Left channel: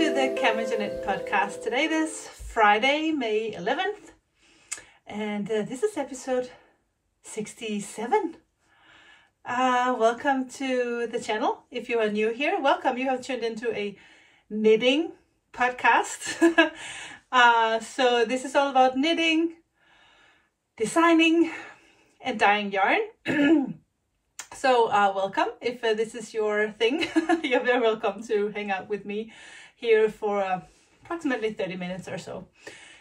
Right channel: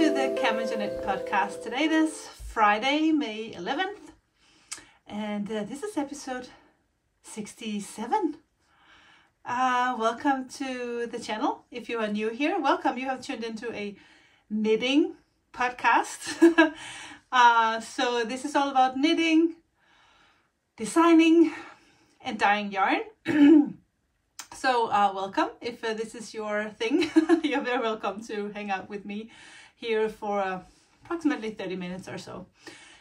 to the CamijoKnit podcast. Today is Friday, May 11th, and this is episode 67. Welcome to the channel. If you are new here, welcome. You have tuned into a knitting podcast. So this is all about knitting, designing, and dyeing yarn. So welcome. If this is your thing, you're very welcome to hang out with me here for approximately 30 minutes or so.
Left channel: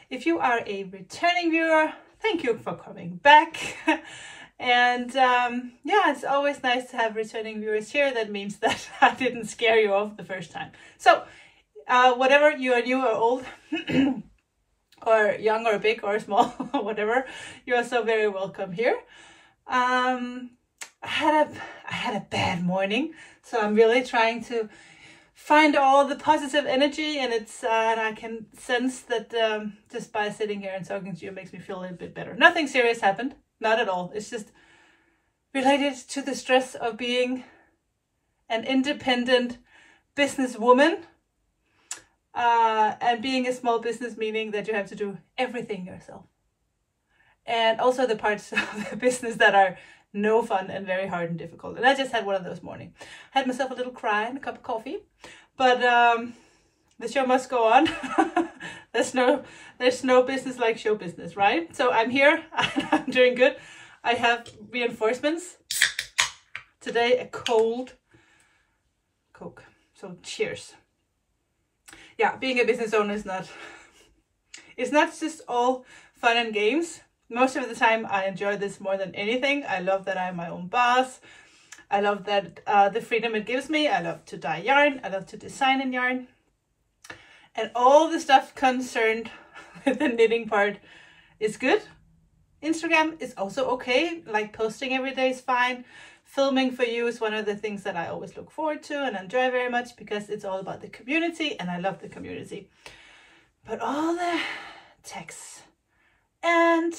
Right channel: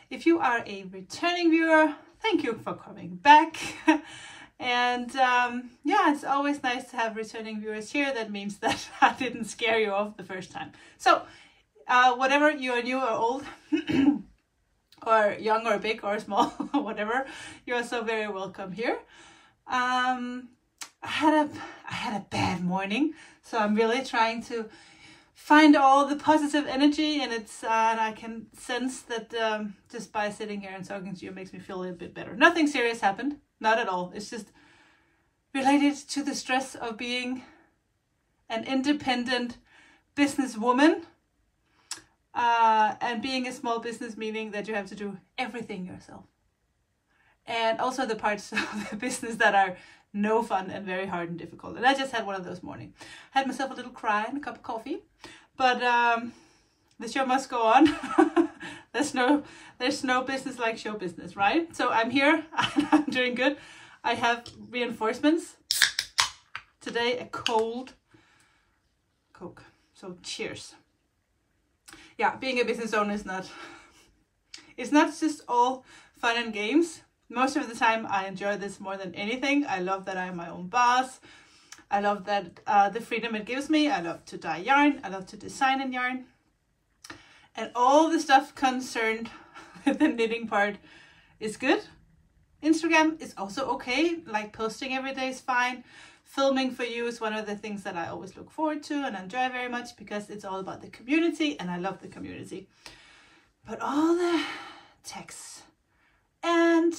If you are a returning viewer, thank you for coming back. And yeah, it's always nice to have returning viewers here. That means that I didn't scare you off the first time. So whatever you are, new or old, or young or big or small, whatever, you are so very welcome here. I had a bad morning, so I'm really trying to find all the positive energy, and it's and I can sense that just by sitting here and talking to you makes me feel a little bit better. Nothing serious happened, not at all. It's just related to the stress of being an independent businesswoman, and being a small business, meaning that you have to do everything yourself, and also the parts of the business that are no fun and very hard and difficult. And I just had one of those mornings. Had myself a little cry and a cup of coffee, but the show must go on. There's no business like show business, right? So I'm here and I'm doing good. I have reinforcements today, a cold Coke. So cheers. Yeah, being a business owner is not just all fun and games. Most of the time I enjoy this more than anything. I love that I'm my own boss. I love that the freedom it gives me. I love to dye yarn. I love to design in yarn. And all the stuff concerned with the knitting part is good. Instagram is also okay. Like posting every day is fine. Filming for you is one of the things that I always look forward to and enjoy very much, because it's all about the community and I love the community. But all the texts and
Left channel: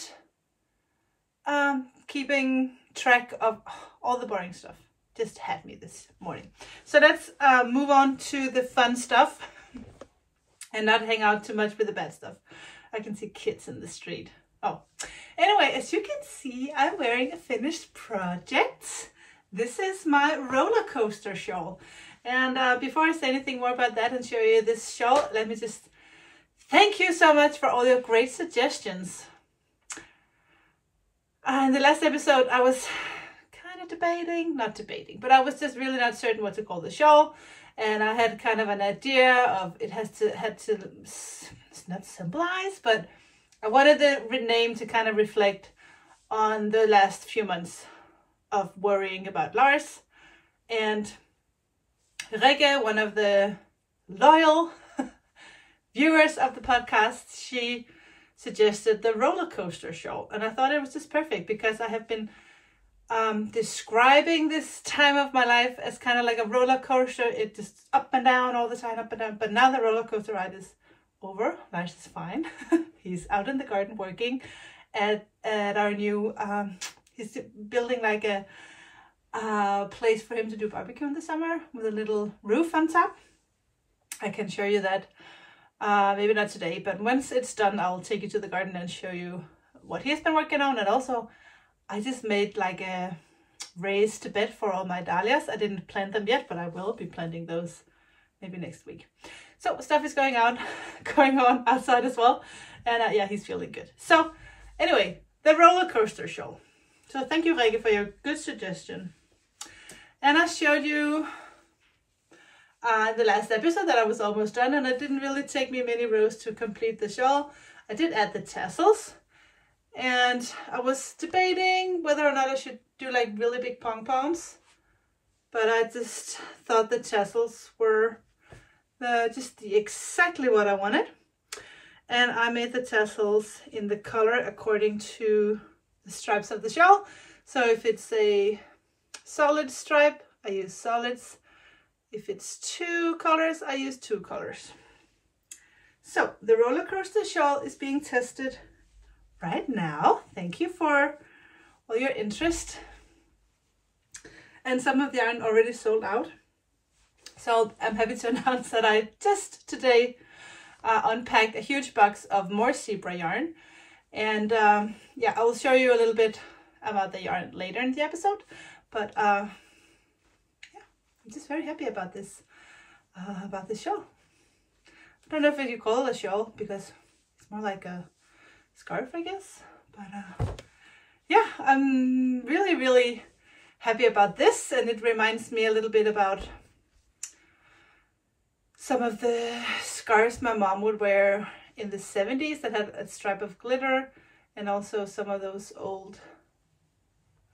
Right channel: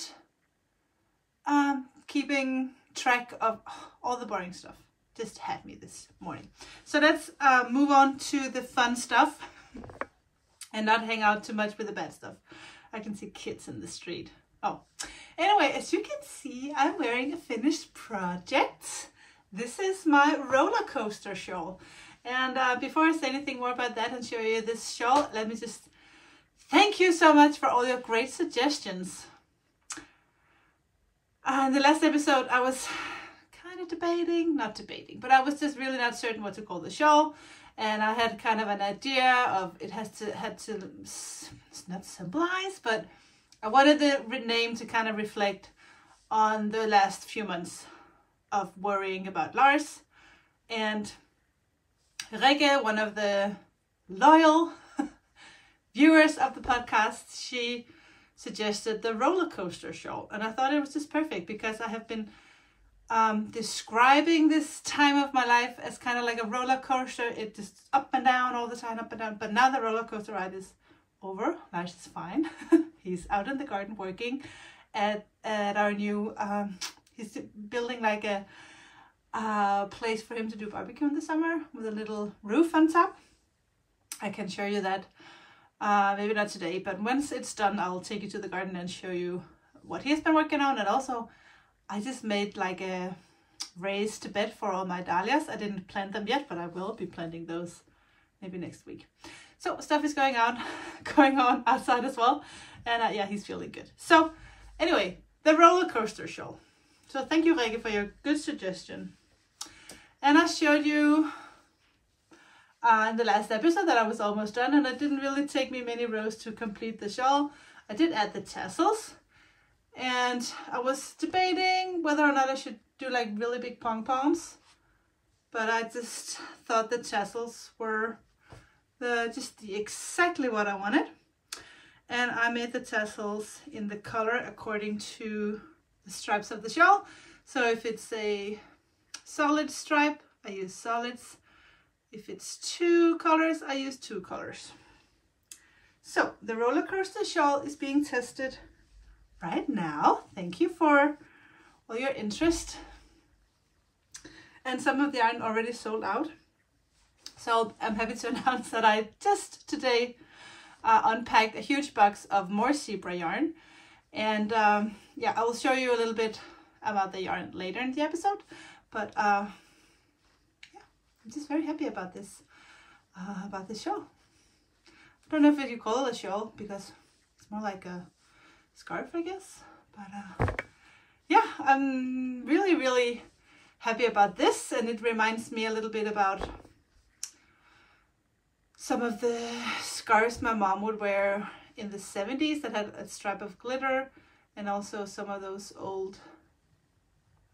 keeping track of all the boring stuff just had me this morning. So let's move on to the fun stuff and not hang out too much with the bad stuff. I can see kids in the street. Oh, anyway, as you can see, I'm wearing a finished project. This is my Rollercoaster Shawl. And before I say anything more about that and show you this shawl, let me just thank you so much for all your great suggestions. In the last episode, I was kind of but I was just really not certain what to call the shawl. And I had kind of an idea of it had to not symbolize, but I wanted the name to kind of reflect on the last few months of worrying about Lars. And Rege, one of the loyal viewers of the podcast, she suggested the Rollercoaster Show, and I thought it was just perfect, because I have been describing this time of my life as kind of like a roller coaster. It just up and down all the time, up and down. But now the roller coaster ride is over. Lars is fine. He's out in the garden working at our new. He's building like a place for him to do barbecue in the summer with a little roof on top. I can show you that. Maybe not today, but once it's done, I'll take you to the garden and show you what he has been working on. And also, I just made like a raised bed for all my dahlias. I didn't plant them yet, but I will be planting those maybe next week. So stuff is going on outside as well. And yeah, he's feeling good. So anyway, the Rollercoaster Show. So thank you, Rege, for your good suggestion. And I showed you in the last episode that I was almost done, and it didn't really take me many rows to complete the shawl. I did add the tassels, and I was debating whether or not I should do like really big pom-poms, but I just thought the tassels were exactly what I wanted. And I made the tassels in the color according to the stripes of the shawl. So if it's a solid stripe, I use solids. If it's 2 colors, I use 2 colors. So the Rollercoaster Shawl is being tested right now. Thank you for all your interest. And some of the yarn already sold out. So I'm happy to announce that I just today unpacked a huge box of more zebra yarn. And yeah, I will show you a little bit about the yarn later in the episode. But yeah, I'm just very happy about this shawl. I don't know if you call it a shawl because it's more like a scarf, I guess. But yeah, I'm really, really happy about this, and it reminds me a little bit about some of the scarves my mom would wear in the 70s that had a stripe of glitter, and also some of those old,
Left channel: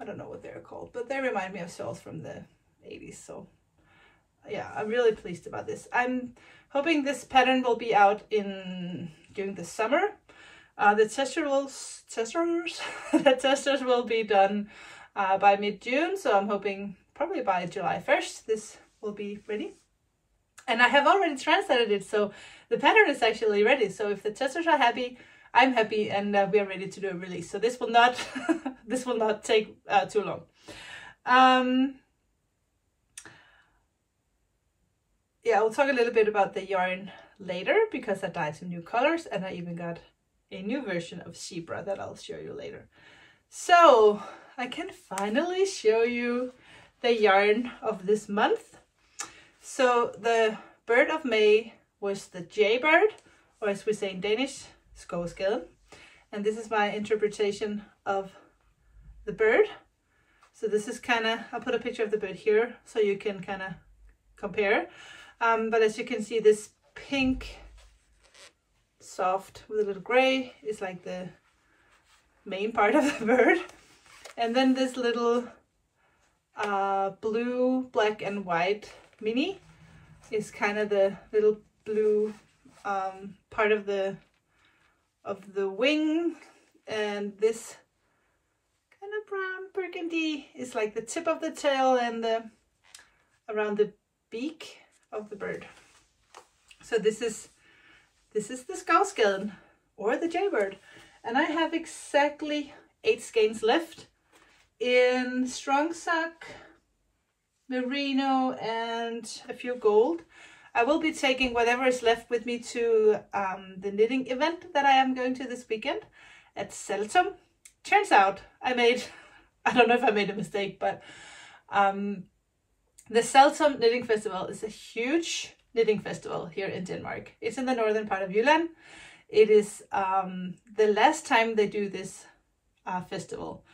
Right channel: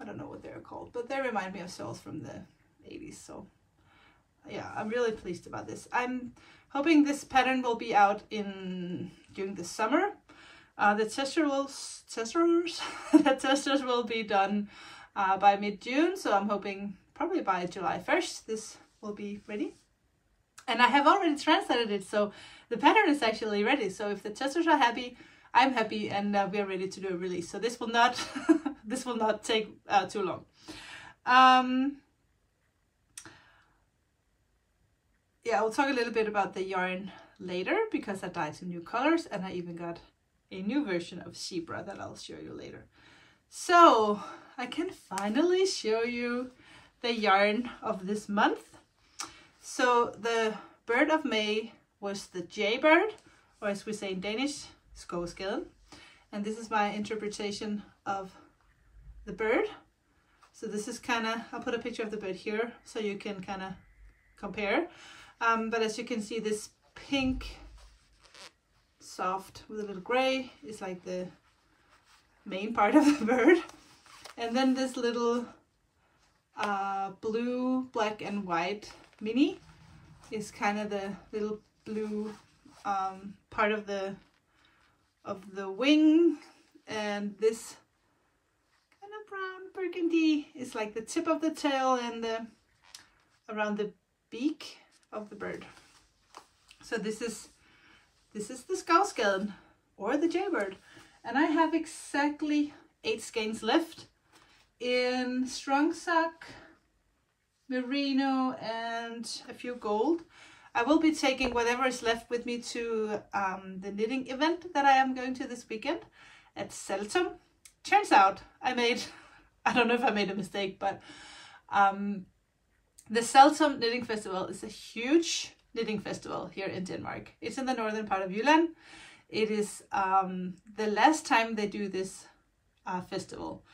I don't know what they're called, but they remind me of shawls from the 80s. So yeah, I'm really pleased about this. I'm hoping this pattern will be out during the summer. The testers will be done by mid-June, so I'm hoping probably by July 1st this will be ready. And I have already translated it, so the pattern is actually ready. So if the testers are happy, I'm happy, and we are ready to do a release. So this will not this will not take too long. Yeah, I'll talk a little bit about the yarn later because I dyed some new colors, and I even got a new version of zebra that I'll show you later. So I can finally show you the yarn of this month. So the bird of May was the Jaybird, or as we say in Danish, skovskeden. And this is my interpretation of the bird. So this is kind of, I'll put a picture of the bird here so you can kind of compare. But as you can see, this pink, soft with a little gray is like the main part of the bird. And then this little blue, black and white mini is kind of the little blue part of the wing, and this kind of brown burgundy is like the tip of the tail and around the beak of the bird. So this is the skovskeden or the Jaybird, and I have exactly 8 skeins left in strong sock, merino, and a few gold. I will be taking whatever is left with me to the knitting event that I am going to this weekend at Saltum. Turns out I don't know if I made a mistake, but the Saltum Knitting Festival is a huge knitting festival here in Denmark. It's in the northern part of Jylland. It is the last time they do this festival.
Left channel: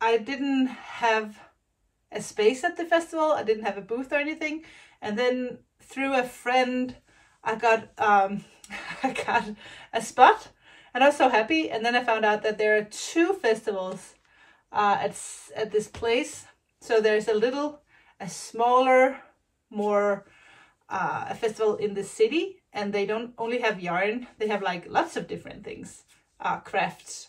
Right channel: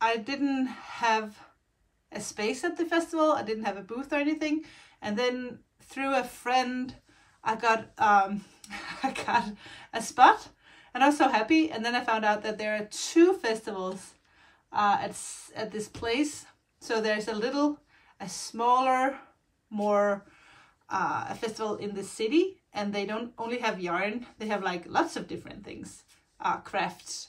I didn't have a space at the festival. I didn't have a booth or anything. And then through a friend, I got a spot, and I was so happy. And then I found out that there are 2 festivals at this place. So there's a smaller, more a festival in the city, and they don't only have yarn. They have like lots of different things, crafts.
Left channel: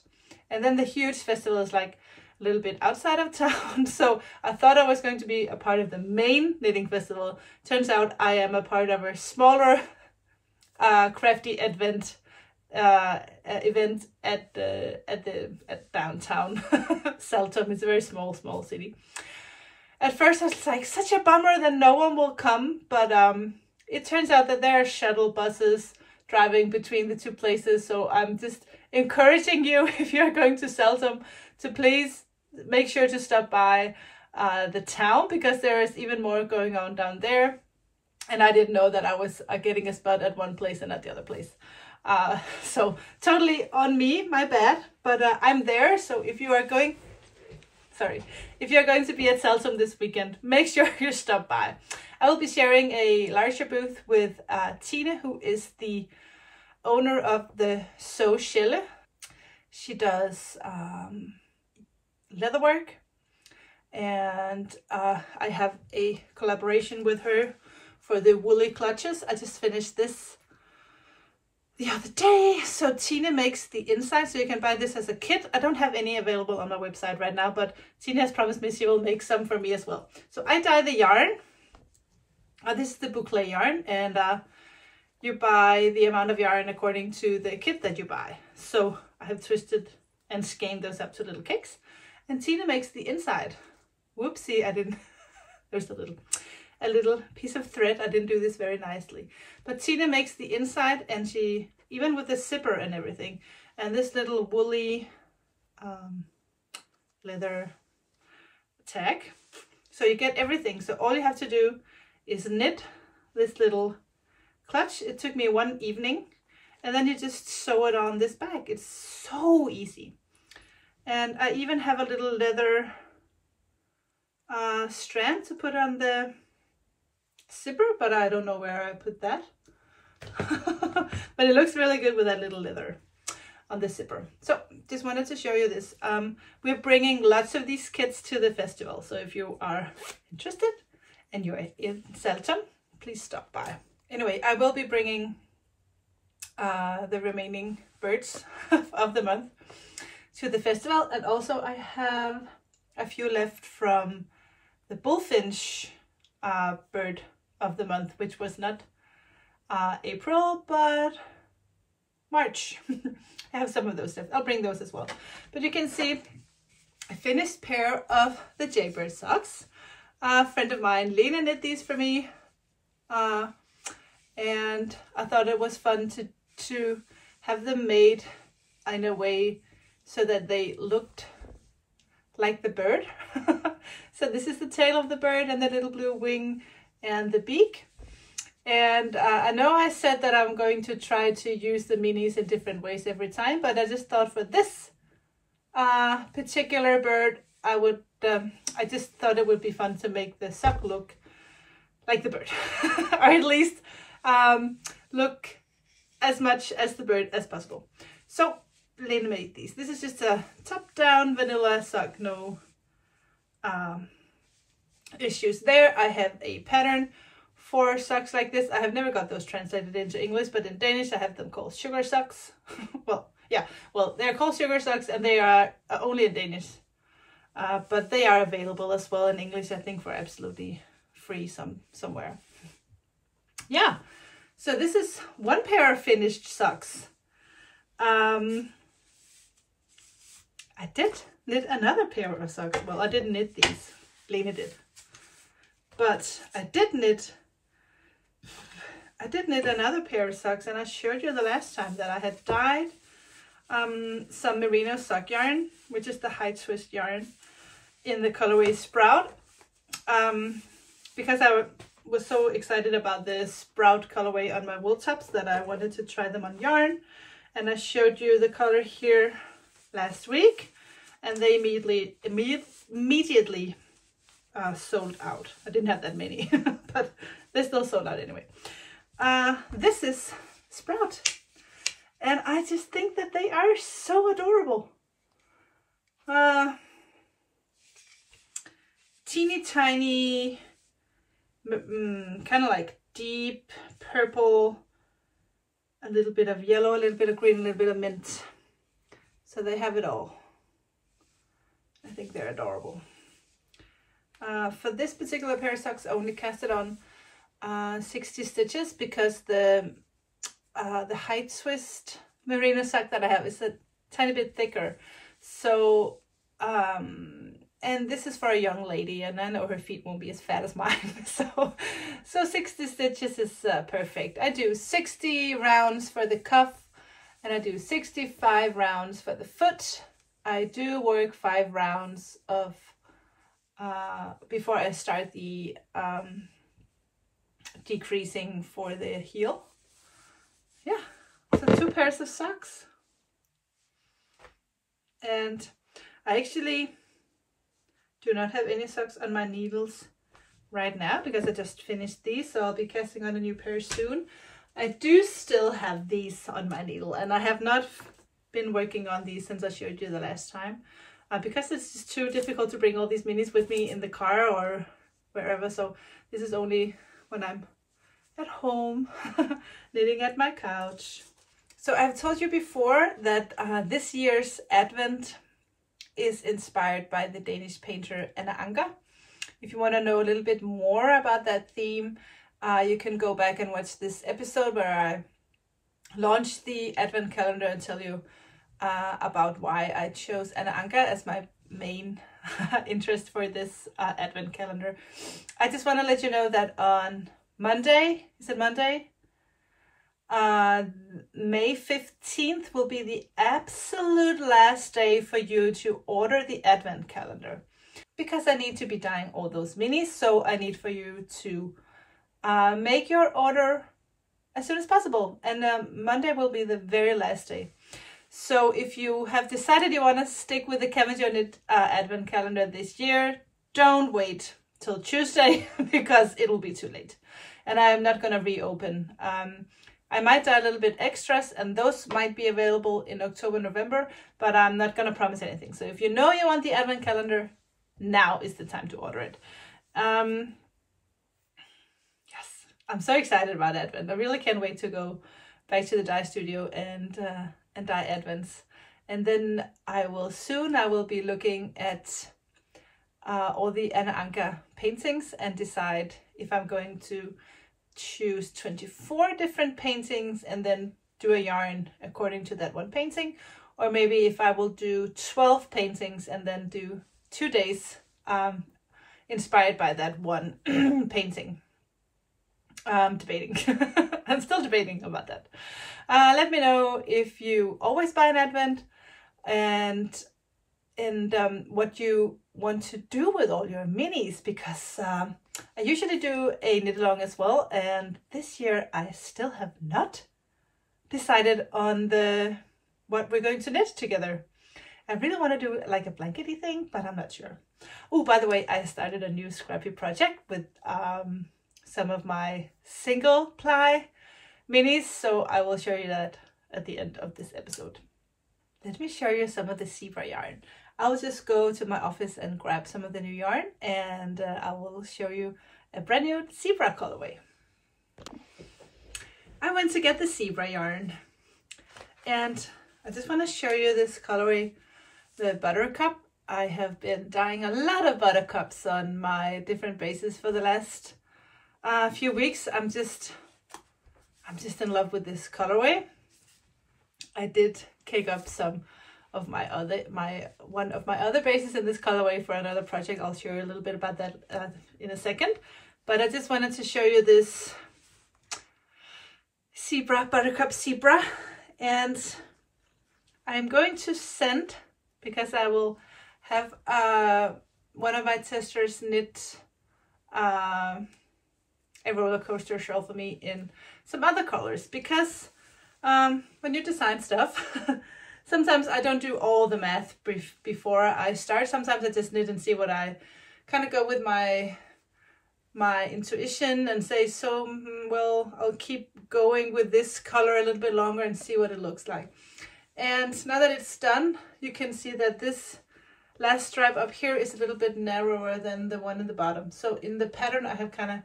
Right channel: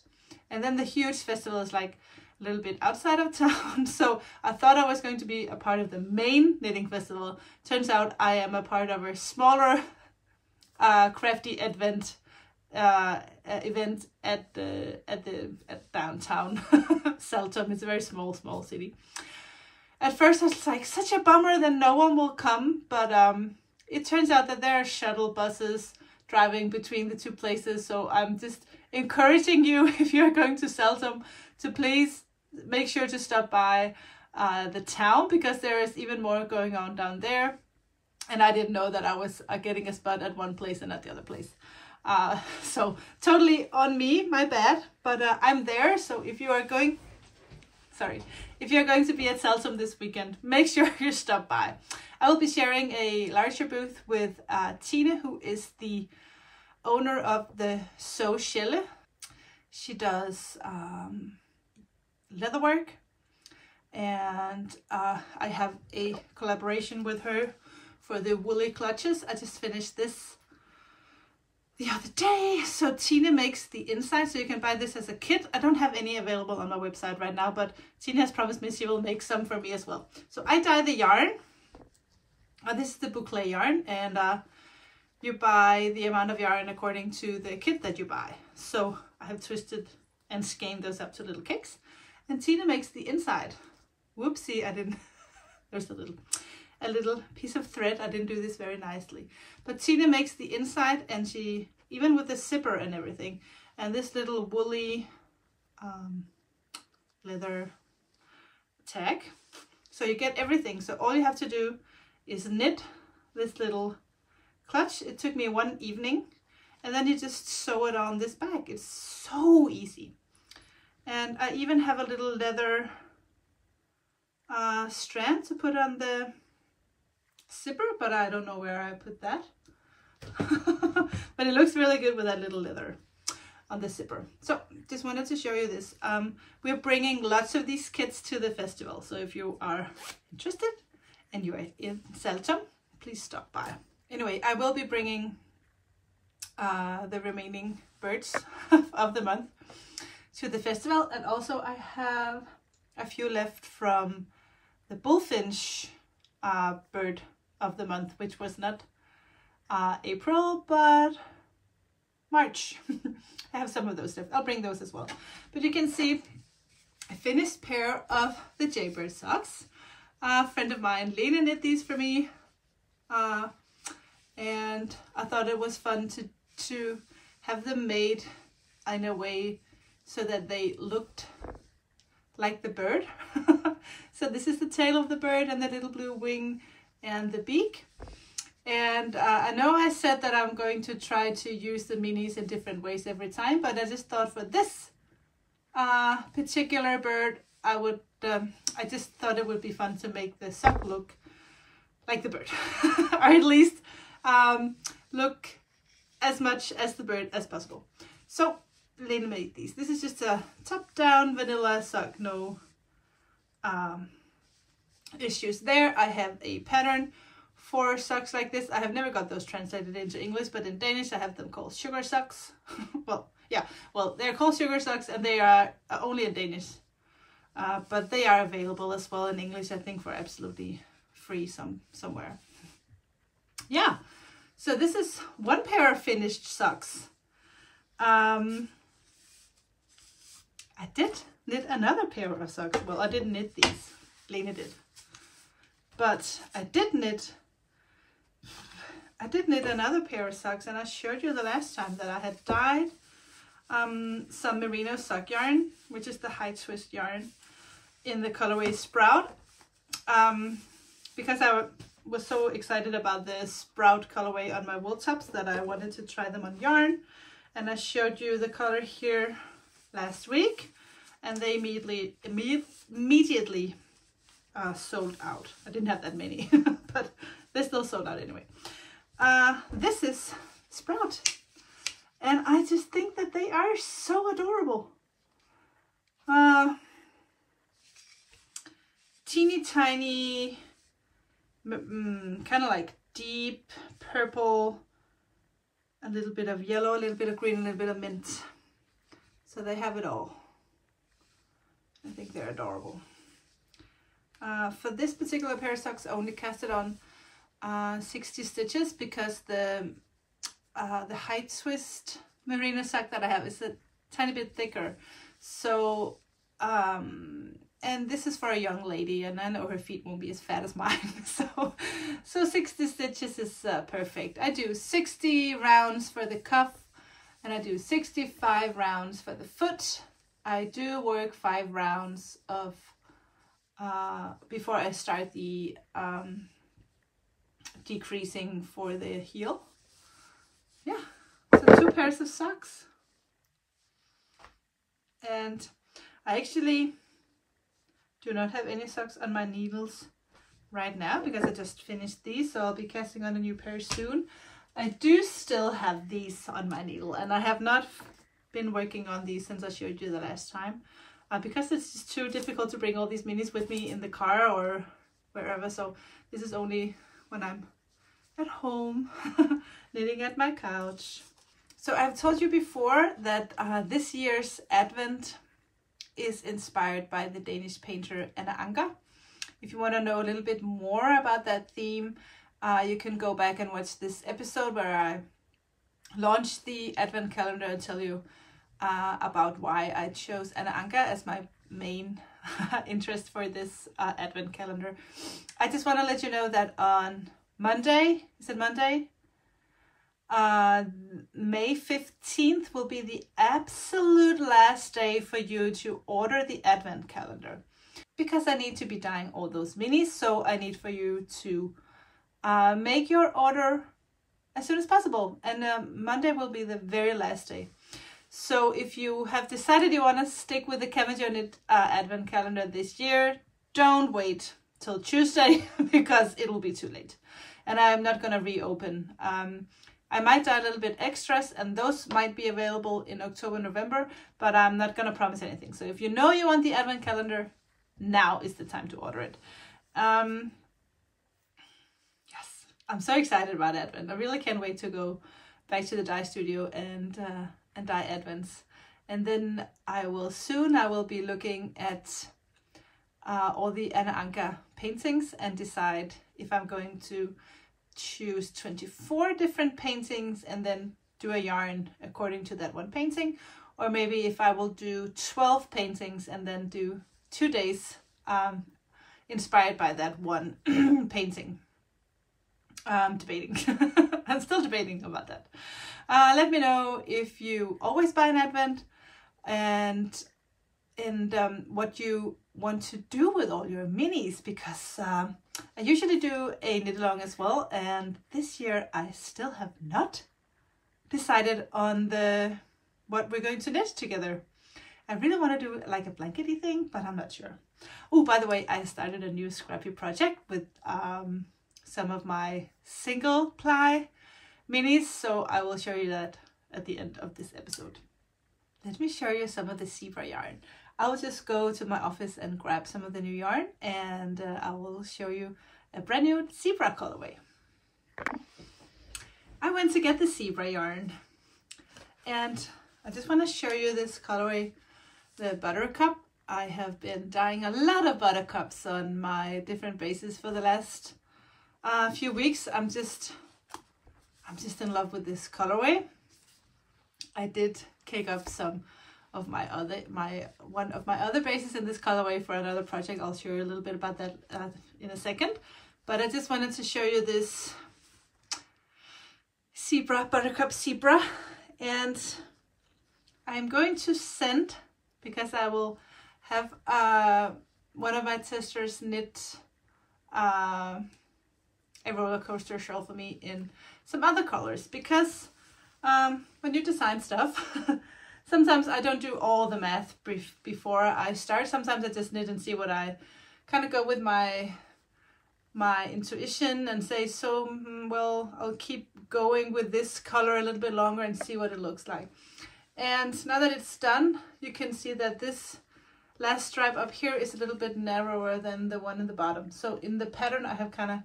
And then the huge festival is like a little bit outside of town. So I thought I was going to be a part of the main knitting festival. Turns out I am a part of a smaller crafty event at downtown Saltum. It's a very small city. At first I was like, such a bummer that no one will come, but it turns out that there are shuttle buses driving between the 2 places. So I'm just encouraging you, if you're going to Saltum, to please make sure to stop by the town, because there is even more going on down there. And I didn't know that I was getting a spot at one place and at the other place. So totally on me, my bad, but I'm there. So if you are going to be at Saltum this weekend, make sure you stop by. I will be sharing a larger booth with Tine, who is the owner of the Shawl. She does leatherwork, and I have a collaboration with her for the woolly clutches. I just finished this the other day. So Tine makes the inside, so you can buy this as a kit. I don't have any available on my website right now, but Tine has promised me she will make some for me as well. So I dye the yarn. This is the boucle yarn, and you buy the amount of yarn according to the kit that you buy. So I have twisted and skeined those up to little cakes, and Tine makes the inside. Whoopsie, I didn't there's a little piece of thread. I didn't do this very nicely, but Tina makes the inside, and she, even with the zipper and everything, and this little woolly leather tag, so you get everything. So all you have to do is knit this little clutch. It took me one evening, and then you just sew it on this bag. It's so easy. And I even have a little leather strand to put on the zipper, but I don't know where I put that. But it looks really good with that little leather on the zipper. So just wanted to show you this. We're bringing lots of these kits to the festival, so if you are interested and you're in Saltum, please stop by. Anyway, I will be bringing the remaining birds of the month to the festival, and also I have a few left from the bullfinch bird of the month, which was not April but March. I have some of those left. I'll bring those as well. But you can see a finished pair of the Jaybird socks. A friend of mine, Lena, knit these for me, and I thought it was fun to have them made in a way so that they looked like the bird. So this is the tail of the bird and the little blue wing and the beak. And I know I said that I'm going to try to use the minis in different ways every time, but I just thought for this particular bird, I just thought it would be fun to make the sock look like the bird, or at least look as much as the bird as possible. So Lena made these. This is just a top-down vanilla sock, no issues there. I have a pattern for socks like this. I have never got those translated into English, but in Danish I have them called sugar socks. Well, they're called sugar socks, and they are only in Danish, but they are available as well in English, I think, for absolutely free somewhere. Yeah, so this is one pair of finished socks. I did knit another pair of socks. Well, I didn't knit these, Lena did, but I did knit another pair of socks, and I showed you the last time that I had dyed some merino sock yarn, which is the high twist yarn, in the colorway Sprout, because I was so excited about the Sprout colorway on my wool tops that I wanted to try them on yarn. And I showed you the color here last week, and they immediately sold out. I didn't have that many, but they still sold out anyway. This is Sprout, and I just think that they are so adorable. Teeny tiny, kind of like deep purple, a little bit of yellow, a little bit of green, a little bit of mint. So they have it all. I think they're adorable. For this particular pair of socks, I only casted on 60 stitches because the high twist merino sock that I have is a tiny bit thicker. So and this is for a young lady, and I know her feet won't be as fat as mine. So 60 stitches is perfect. I do 60 rounds for the cuff, and I do 65 rounds for the foot. I do work 5 rounds of before I start the decreasing for the heel. Yeah, so 2 pairs of socks. And I actually do not have any socks on my needles right now because I just finished these, so I'll be casting on a new pair soon. I do still have these on my needle, and I have not been working on these since I showed you the last time, because it's just too difficult to bring all these minis with me in the car or wherever. So this is only when I'm at home knitting at my couch. So I've told you before that this year's Advent is inspired by the Danish painter Anna Anker. If you want to know a little bit more about that theme, you can go back and watch this episode where I launched the Advent calendar and tell you about why I chose Anna Anker as my main interest for this advent calendar. I just want to let you know that on Monday, is it Monday? May 15th will be the absolute last day for you to order the advent calendar, because I need to be dyeing all those minis. So I need for you to make your order as soon as possible, and Monday will be the very last day. So if you have decided you want to stick with the CamijoKnit advent calendar this year, don't wait till Tuesday because it will be too late, and I'm not going to reopen. I might dye a little bit extras, and those might be available in October, November, but I'm not going to promise anything. So if you know you want the advent calendar, now is the time to order it. Yes, I'm so excited about Advent. I really can't wait to go back to the dye studio and dye Advents. And then I will be looking at all the Anna Anka paintings and decide if I'm going to choose 24 different paintings and then do a yarn according to that one painting, or maybe if I will do 12 paintings and then do 2 days inspired by that one painting. Debating. I'm still debating about that. Let me know if you always buy an advent and what you want to do with all your minis, because I usually do a knit along as well, and this year I still have not decided on what we're going to knit together. I really want to do like a blankety thing, but I'm not sure. Oh, by the way, I started a new scrappy project with some of my single ply minis, so I will show you that at the end of this episode. Let me show you some of the zebra yarn. I'll just go to my office and grab some of the new yarn, and I will show you a brand new zebra colorway. I went to get the zebra yarn, and I just want to show you this colorway, the Buttercup. I have been dyeing a lot of buttercups on my different bases for the last few weeks. I'm just in love with this colorway. I did cake up some of one of my other bases in this colorway for another project. I'll show you a little bit about that in a second, but I just wanted to show you this zebra, Buttercup zebra, and I'm going to send, because I will have one of my testers knit a Rollercoaster Shawl for me in some other colors, because when you design stuff, sometimes I don't do all the math before I start. Sometimes I just knit and see what I kind of go with my intuition and say, so well, I'll keep going with this color a little bit longer and see what it looks like. And now that it's done, you can see that this last stripe up here is a little bit narrower than the one in the bottom. So in the pattern, I have kind of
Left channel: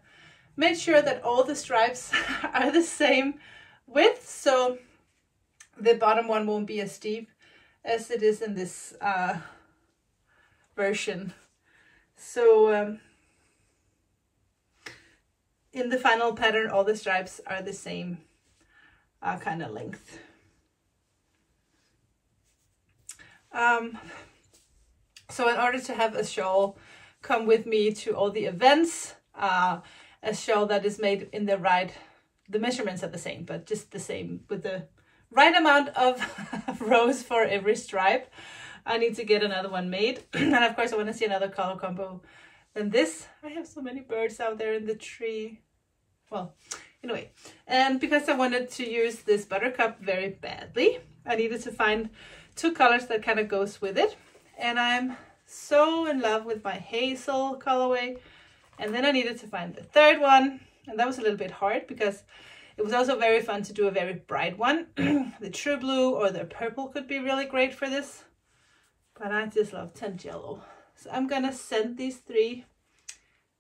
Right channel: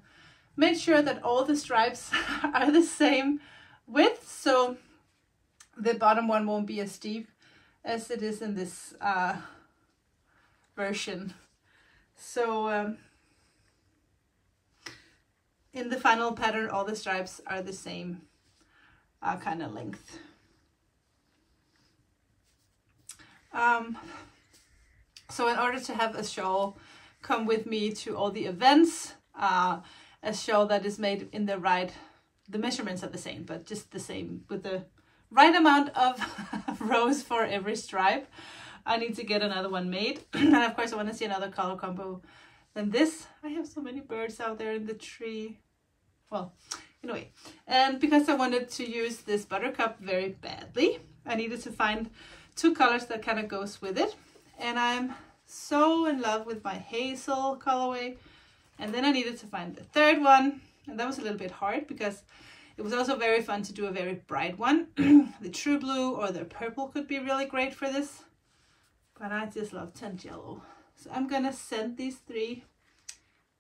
made sure that all the stripes are the same width, so the bottom one won't be as steep as it is in this version. So in the final pattern, all the stripes are the same kind of length. So in order to have a shawl come with me to all the events, a shawl that is made in the measurements are the same, but just the same with the right amount of rows for every stripe, I need to get another one made. And of course I want to see another color combo than this. I have so many birds out there in the tree. Well, anyway, and because I wanted to use this Buttercup very badly, I needed to find 2 colors that kind of goes with it. And I'm so in love with my hazel colorway. And then I needed to find the third one. And that was a little bit hard because it was also very fun to do a very bright one. The true blue or the purple could be really great for this. But I just love tint yellow. So I'm gonna send these 3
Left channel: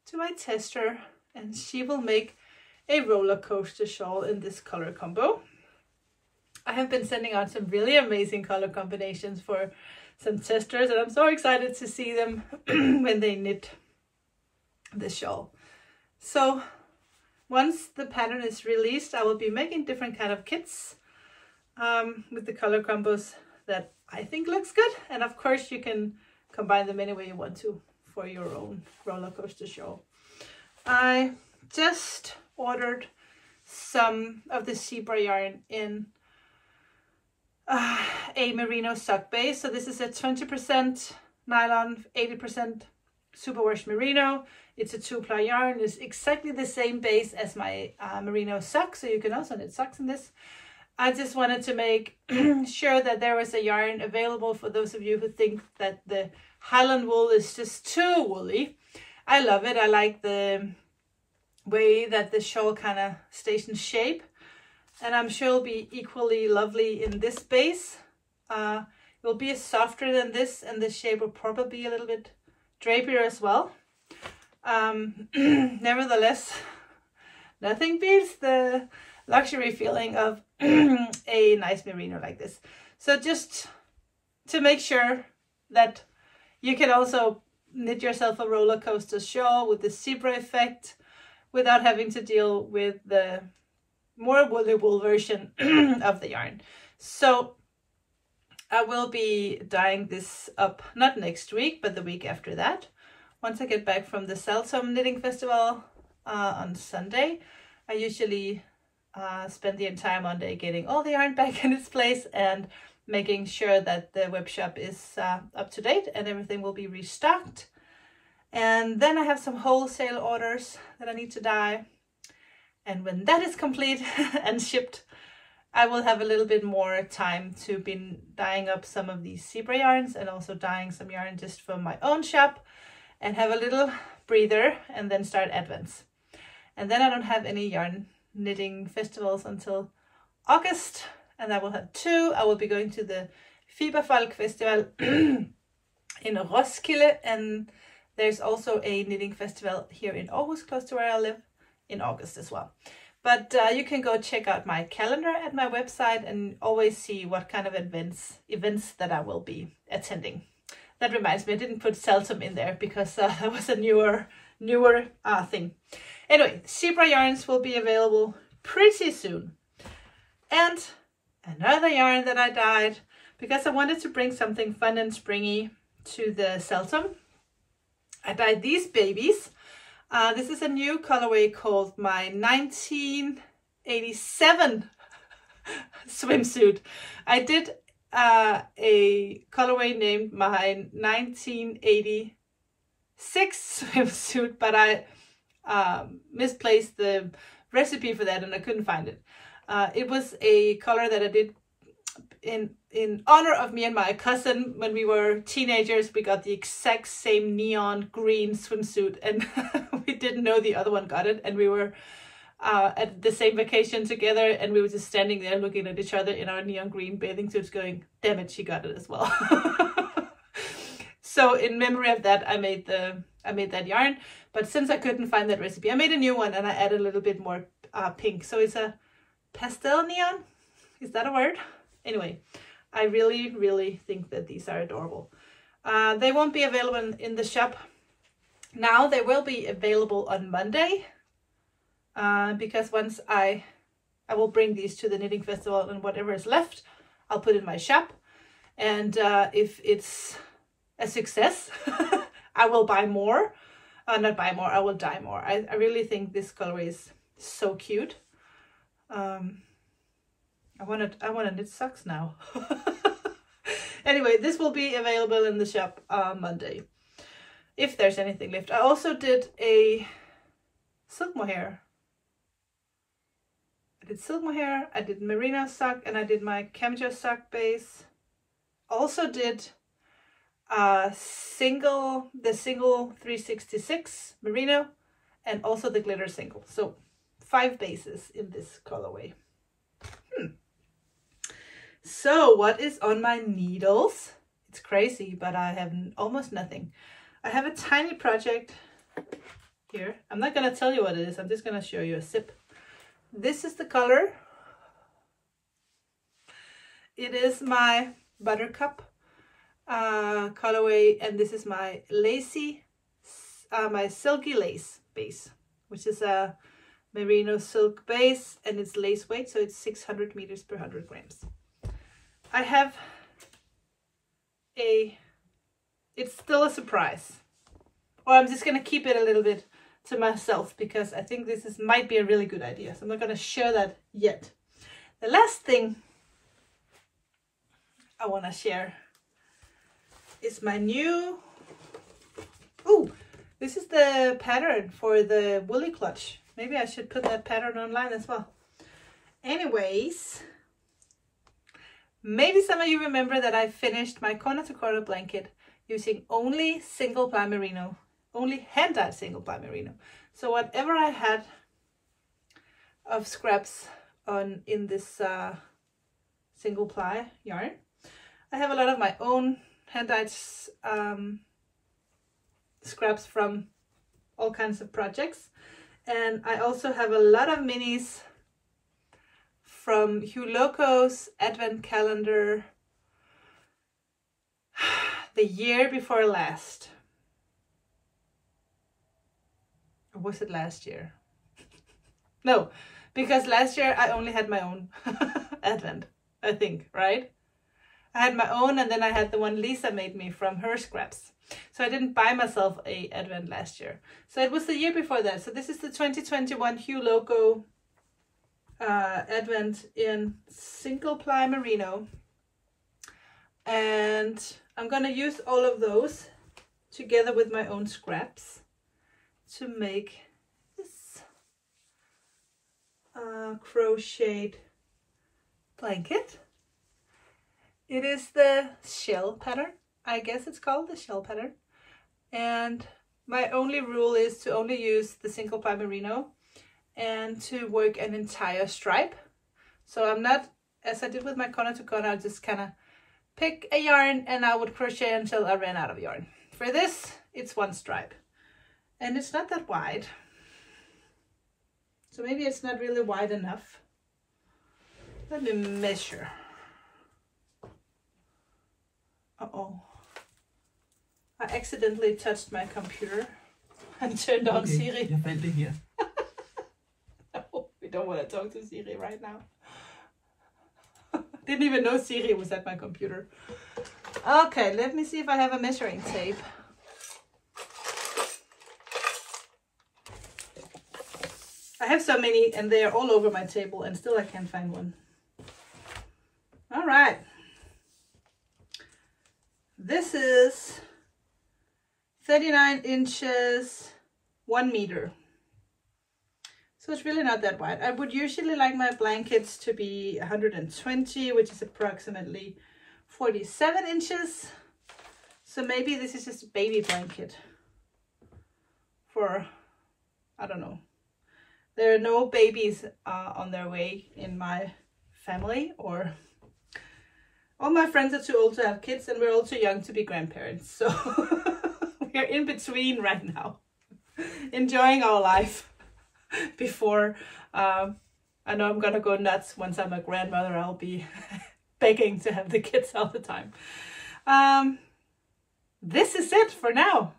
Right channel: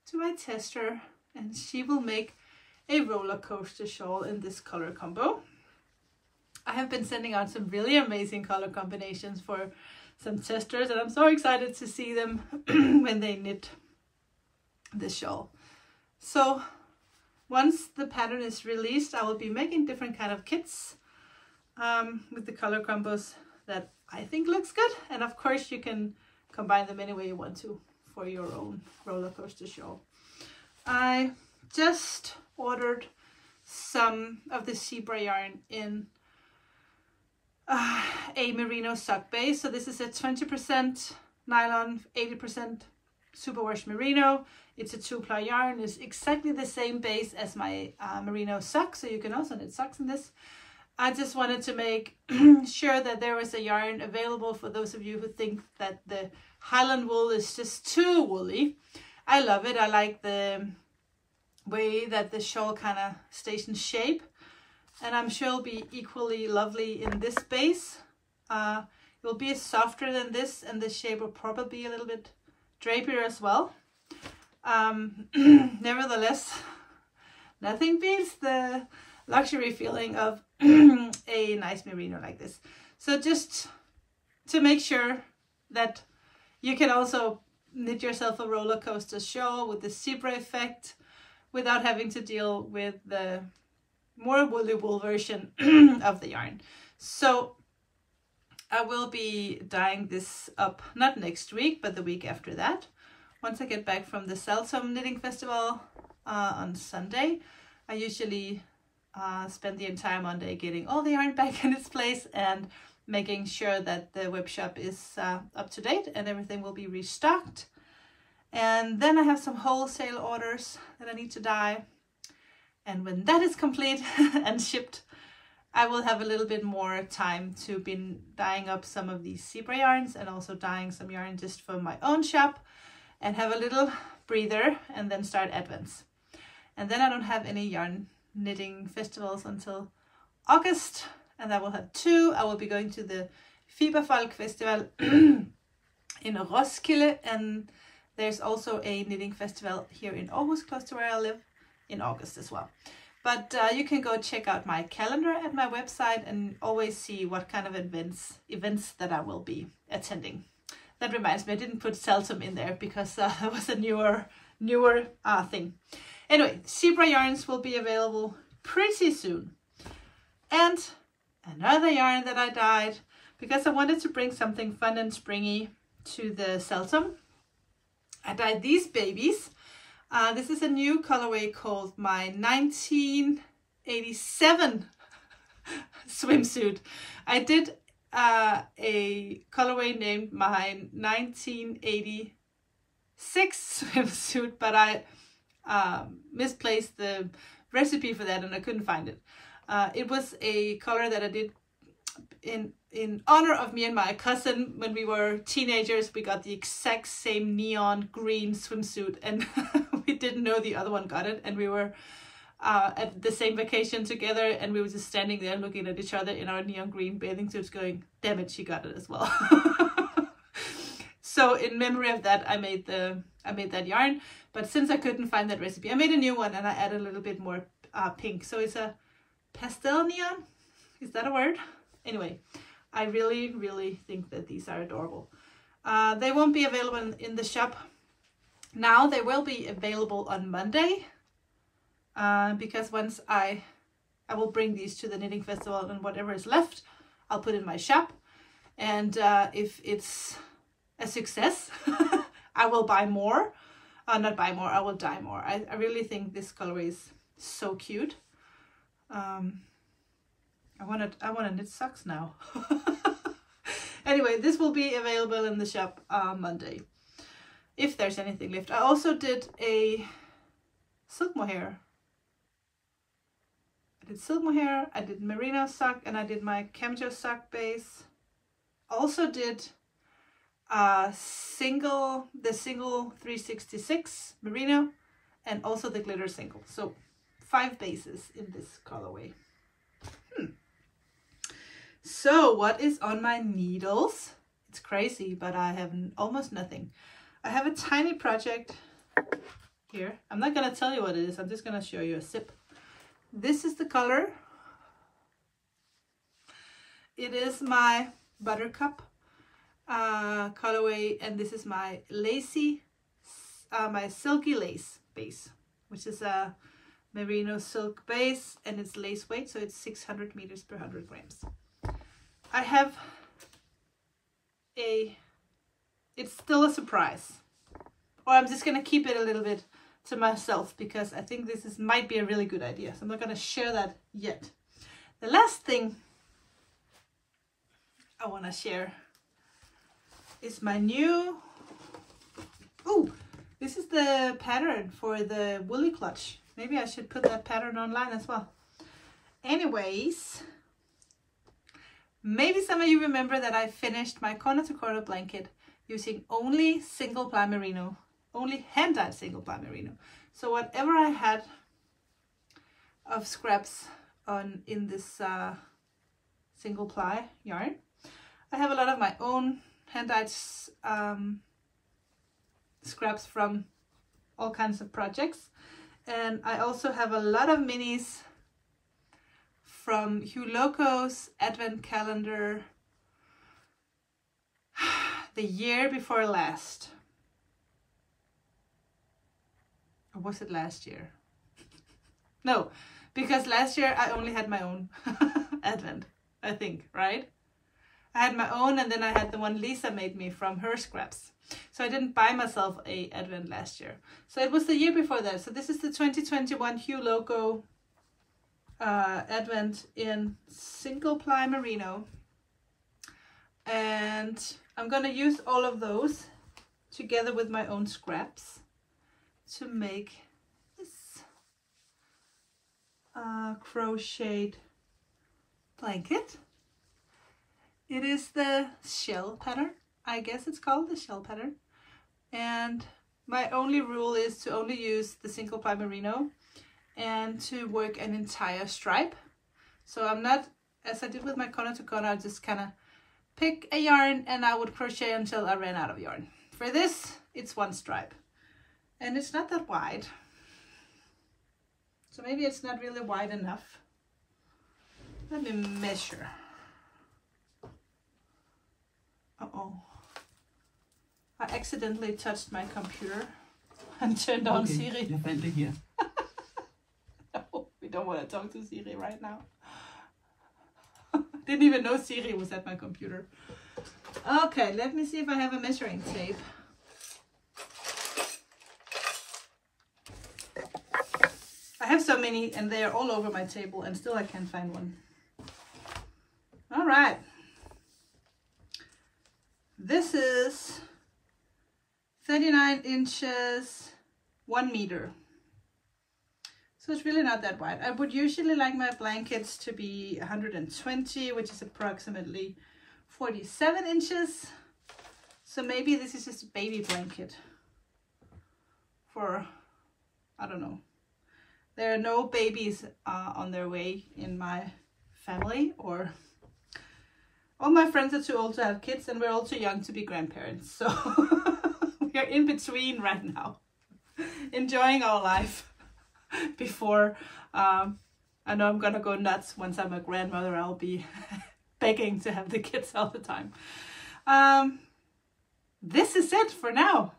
to my tester, and she will make a Rollercoaster Shawl in this color combo. I have been sending out some really amazing color combinations for some testers, and I'm so excited to see them when they knit the shawl. So once the pattern is released, I will be making different kind of kits with the color combos that I think looks good. And of course you can combine them any way you want to for your own roller coaster shawl. I just ordered some of the zebra yarn in a merino sock base. So this is a 20% nylon, 80% superwash merino. It's a 2-ply yarn. It's exactly the same base as my merino sock, so you can also knit socks in this. I just wanted to make sure that there was a yarn available for those of you who think that the Highland wool is just too woolly. I love it. I like the way that the shawl kind of stays in shape, and I'm sure it'll be equally lovely in this base. It will be softer than this, and the shape will probably be a little bit drapier as well. Nevertheless, nothing beats the luxury feeling of a nice merino like this. So just to make sure that you can also knit yourself a roller coaster shawl with the zebra effect without having to deal with the more woolly wool version of the yarn. So I will be dyeing this up, not next week, but the week after that. Once I get back from the Saltum Knitting Festival on Sunday, I usually spend the entire Monday getting all the yarn back in its place and making sure that the web shop is up to date and everything will be restocked. And then I have some wholesale orders that I need to dye. And when that is complete and shipped, I will have a little bit more time to be dyeing up some of these zebra yarns and also dyeing some yarn just for my own shop, and have a little breather and then start Advents. And then I don't have any yarn knitting festivals until August, and I will have 2. I will be going to the Fiberfolk Festival in Roskilde, and there's also a knitting festival here in Aarhus, close to where I live, in August as well. But you can go check out my calendar at my website and always see what kind of events that I will be attending. That reminds me, I didn't put Saltum in there because that was a newer thing. Anyway, zebra yarns will be available pretty soon. And another yarn that I dyed because I wanted to bring something fun and springy to the Saltum. I dyed these babies. This is a new colorway called my 1987 swimsuit. I did a colorway named my 1986 swimsuit, but I misplaced the recipe for that and I couldn't find it. It was a color that I did in honor of me and my cousin. When we were teenagers, we got the exact same neon green swimsuit, and we didn't know the other one got it, and we were at the same vacation together, and we were just standing there looking at each other in our neon green bathing suits going, damn it, she got it as well. So in memory of that, I made that yarn. But since I couldn't find that recipe, I made a new one and I added a little bit more pink. So it's a pastel neon. Is that a word? Anyway, I really, really think that these are adorable. They won't be available in the shop now. They will be available on Monday because once I will bring these to the knitting festival, and whatever is left, I'll put in my shop. And if it's a success, I will buy more. Not buy more, I will dye more. I really think this colorway is so cute. I want to knit socks now. Anyway, this will be available in the shop Monday, if there's anything left. I also did a silk mohair. I did silk mohair, I did merino sock, and I did my Camijo sock base. Also did the single 366 merino, and also the glitter single. So 5 bases in this colorway. So what is on my needles? It's crazy, but I have almost nothing. I have a tiny project here. I'm not going to tell you what it is. I'm just going to show you a sip. This is the color. It is my Buttercup colorway, and this is my my silky lace base, which is a merino silk base, and it's lace weight, so it's 600 meters per 100 grams. I have a it's still a surprise. Or I'm just going to keep it a little bit to myself because I think this might be a really good idea. So I'm not going to share that yet. The last thing I want to share is my new... Ooh, this is the pattern for the woolly clutch. Maybe I should put that pattern online as well. Anyways, maybe some of you remember that I finished my corner to corner blanket using only single ply merino, only hand-dyed single ply merino. So whatever I had of scraps in this single ply yarn, I have a lot of my own hand-dyed scraps from all kinds of projects, and I also have a lot of minis from Hugh Loco's advent calendar the year before last. Or was it last year? No, because last year I only had my own advent, I think, right? I had my own, and then I had the one Lisa made me from her scraps. So I didn't buy myself a advent last year. So it was the year before that. So this is the 2021 Hugh Loco advent in single ply merino. And I'm going to use all of those together with my own scraps to make this crocheted blanket. It is the shell pattern. I guess it's called the shell pattern. And my only rule is to only use the single ply merino and to work an entire stripe. So I'm not, as I did with my corner to corner, I'll just kind of pick a yarn and I would crochet until I ran out of yarn. For this, it's one stripe. And it's not that wide. So maybe it's not really wide enough. Let me measure. Uh-oh. I accidentally touched my computer and turned on Siri. Jeg fandt det her. No, we don't want to talk to Siri right now. Didn't even know Siri was at my computer. Okay, let me see if I have a measuring tape. I have so many and they are all over my table and still I can't find one. All right. This is 39 inches, 1 meter. So it's really not that wide. I would usually like my blankets to be 120, which is approximately 47 inches. So maybe this is just a baby blanket for, I don't know. There are no babies on their way in my family, or all my friends are too old to have kids and we're all too young to be grandparents. So we're in between right now, enjoying our life before I know I'm gonna go nuts once I'm a grandmother. I'll be begging to have the kids all the time. This is it for now.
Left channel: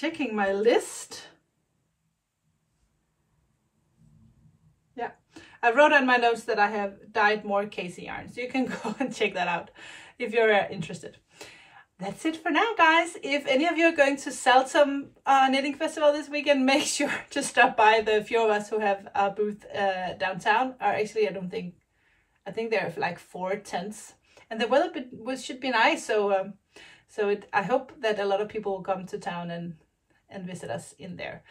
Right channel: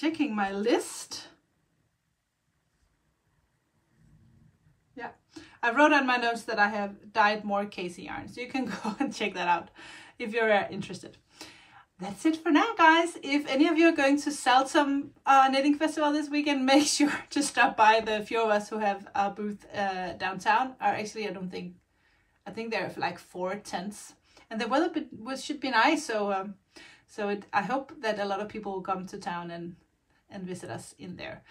Checking my list. Yeah, I wrote on my notes that I have dyed more Casey yarn, so you can go and check that out if you're interested. That's it for now, guys. If any of you are going to Saltum Knitting Festival this weekend, make sure to stop by. The few of us who have a booth downtown, or actually I think there are like 4 tents, and the weather should be nice. So I hope that a lot of people will come to town and visit us in there.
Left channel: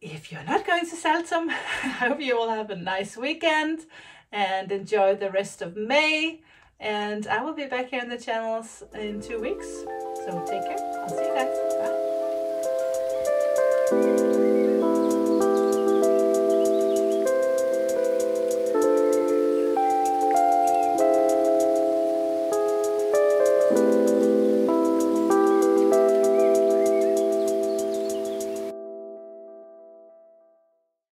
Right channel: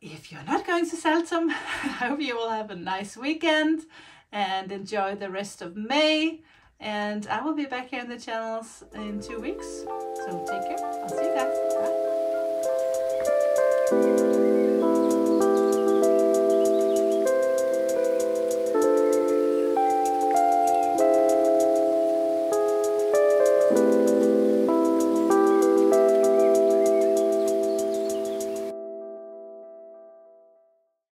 If you're not going to Saltum, I hope you will have a nice weekend and enjoy the rest of May. And I will be back here on the channels in 2 weeks. So take